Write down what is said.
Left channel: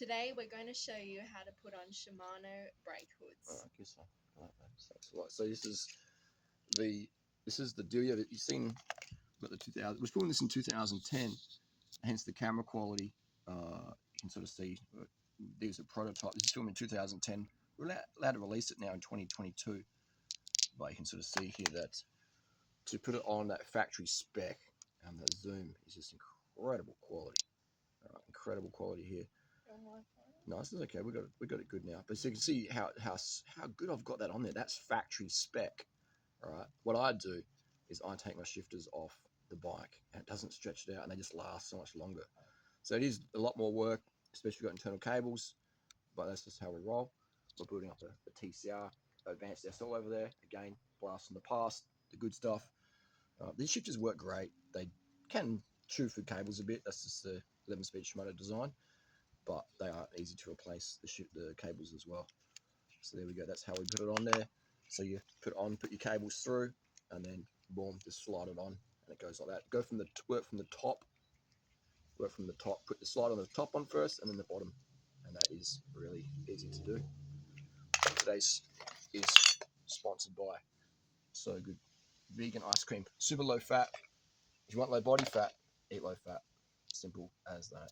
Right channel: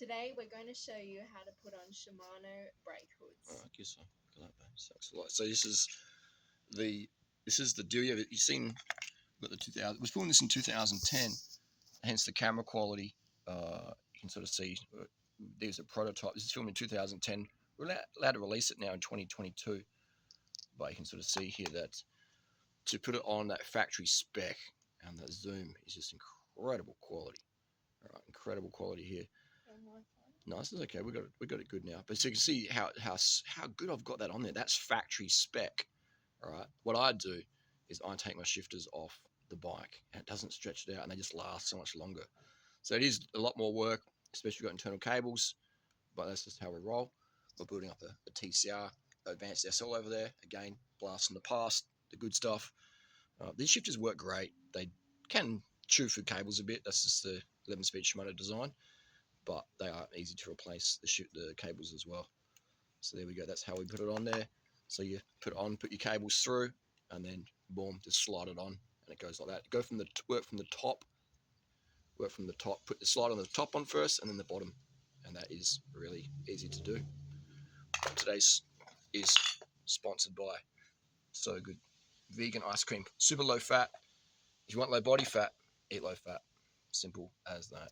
Today we're going to show you how to put on Shimano brake hoods. I guess so. Look at that, babe. Sucks a lot. So this is the Dura. You've seen got the 2000. It was filmed this in 2010. Hence the camera quality. You can sort of see there's a prototype. This is filmed in 2010. We're allowed to release it now in 2022, but you can sort of see here that to put it on that factory spec and the zoom is just incredible quality. All right, incredible quality here. No, this is okay. We got it good now. But so you can see how good I've got that on there. That's factory spec. All right. What I do is I take my shifters off the bike and it doesn't stretch it out and they just last so much longer. So it is a lot more work, especially if you've got internal cables, but that's just how we roll. We're building up a TCR, advanced SL over there. Again, blast from the past, the good stuff. These shifters work great. They can chew through cables a bit. That's just the 11-speed Shimano design, but they are easy to replace the cables as well. So there we go. That's how we put it on there. So you put it on, put your cables through, and then boom, just slide it on, and it goes like that. Work from the top. Put the slide on the top on first, and then the bottom, and that is really easy to do. Today's is sponsored by So Good vegan ice cream, super low fat. If you want low body fat, eat low fat. Simple as that.